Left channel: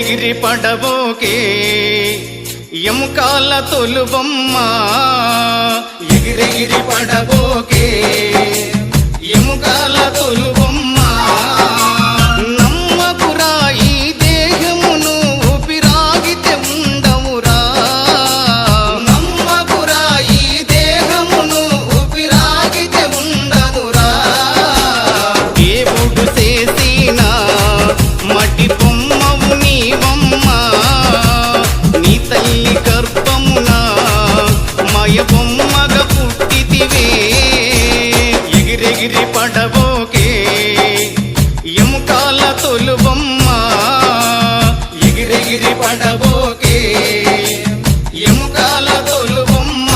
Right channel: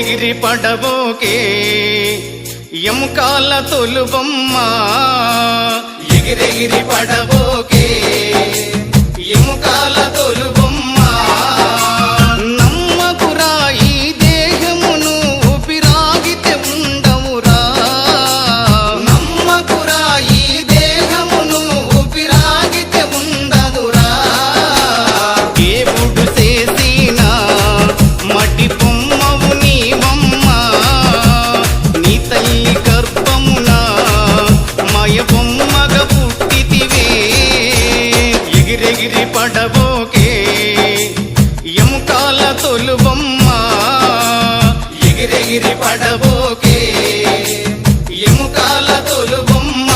ఎగిరెగిరి పడబోకే ఎముకాల తొలుబొమ్మ ఎగిరెగిరి పడబోకే ఎముకాల తొలుబొమ్మ నమ్మకురా ఈ దేహమును ఊపిరాగితే ఉండవురా నమ్మకురా ఈ దేహమును ఊపిరాగితే ఉండవురా దేవుడు చేసిన మటి బొమ్మవు నీవమ్మ నీ తల్లి గర్భమున మయ బొమ్మగా పుట్టితివే ఎగిరెగిరి పడబోకే ఎముకాల తొలుబొమ్మ ఎగిరెగిరి పడబోకే ఎముకాల తొలుబొమ్మ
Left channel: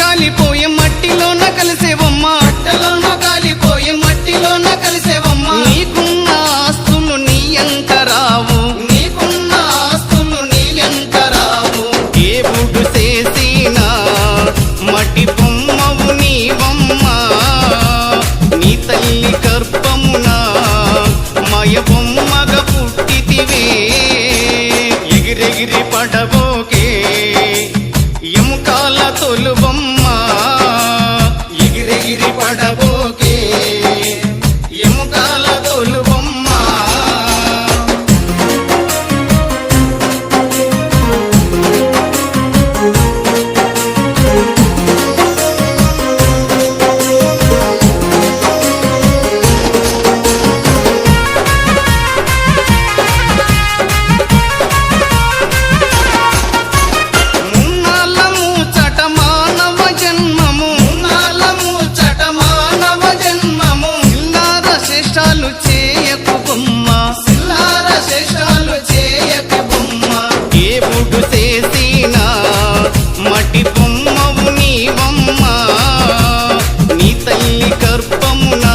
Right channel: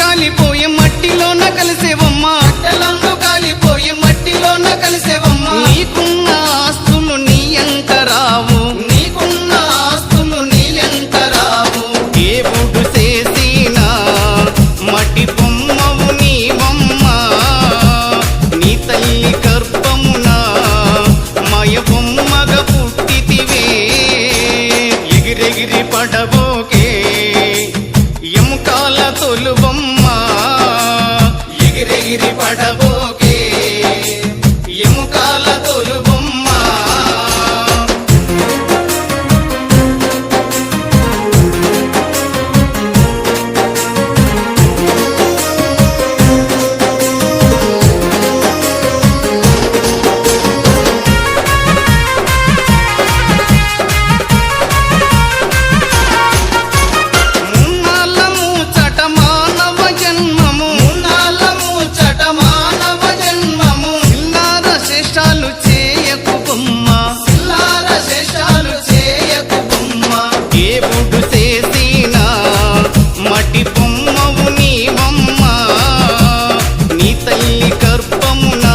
కాలిపోయే మట్టిలోన కలిసేవమ్మ కట్టలను కాలిపోయే మట్టిలోన కలిసేవమ్మ నీకున్న ఆస్తులు నీ ఎంట రావు నీకున్న ఆస్తులు నీ ఎంట రావు దేవుడు చేసిన మట్టి బొమ్మవు నీవమ్మ నీ తల్లి గర్భమున మయ బొమ్మగా పుట్టితివే ఎగిరెగిరి పడబోకే ఎముకాల తొలుబొమ్మ ఎగిరెగిరి పడబోకే ఎముకాల తొలుబొమ్మ శేషాలు చేయకు బొమ్మ సిల్లార శేషాలు చేయకు బొమ్మ దేవుడు చేసిన మటి బొమ్మవు నీవమ్మ నీ తల్లి గర్భమున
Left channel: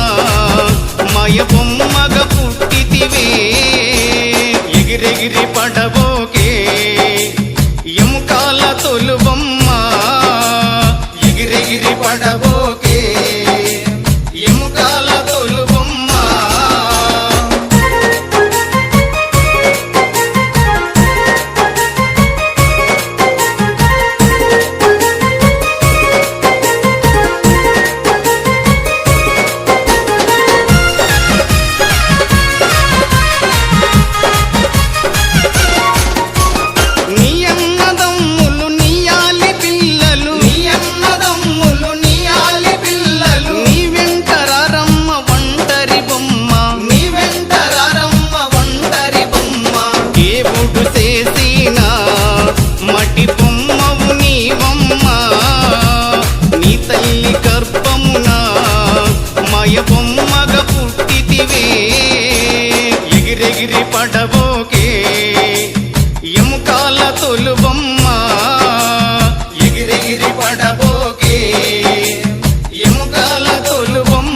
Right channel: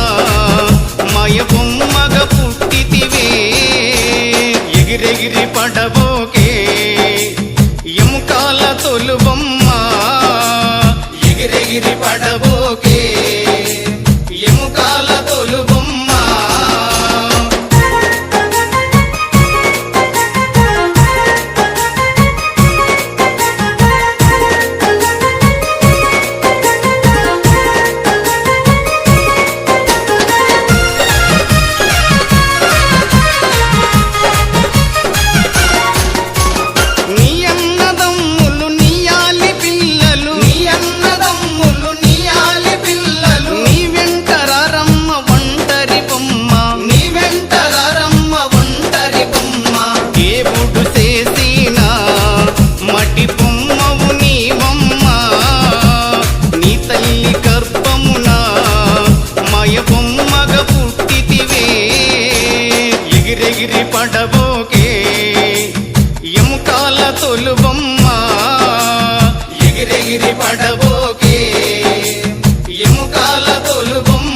మయ బొమ్మగా పుట్టితివే ఎగిరెగిరి పడబోకే ఎముకాల తొలుబొమ్మ ఎగిరెగిరి పడబోకే ఎముకాల తొలుబొమ్మ నీ అన్నదమ్ములు నీయాలి పిల్లలు నీ అన్నదమ్ములు నీయాలి పిల్లలు నీ వెంటరారమ్మ ఒంటరి బొమ్మ నీ వెంటరారమ్మ ఒంటరి బొమ్మ దేవుడు చేసిన మటి బొమ్మవు నీవమ్మ నీ తల్లి గర్భమున మయ బొమ్మగా పుట్టితివే ఎగిరెగిరి పడబోకే ఎముకాల తొలుబొమ్మ ఎగిరెగిరి పడబోకే ఎముకాల తొలుబొమ్మ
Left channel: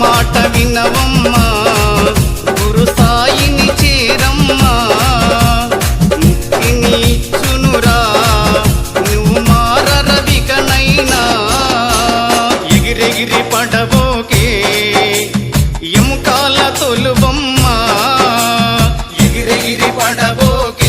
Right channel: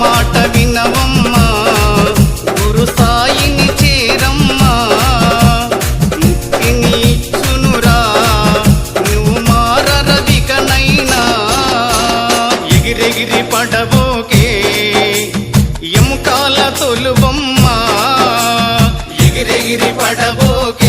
మాట వినవమ్మ గురు సాయిని చేరమ్మ ముక్తిని ఇచ్చునురా నువ్వు మారరవికనైనా ఎగిరెగిరి పడబోకే ఎముకాల తొలుబొమ్మ ఎగిరెగిరి పడబోకే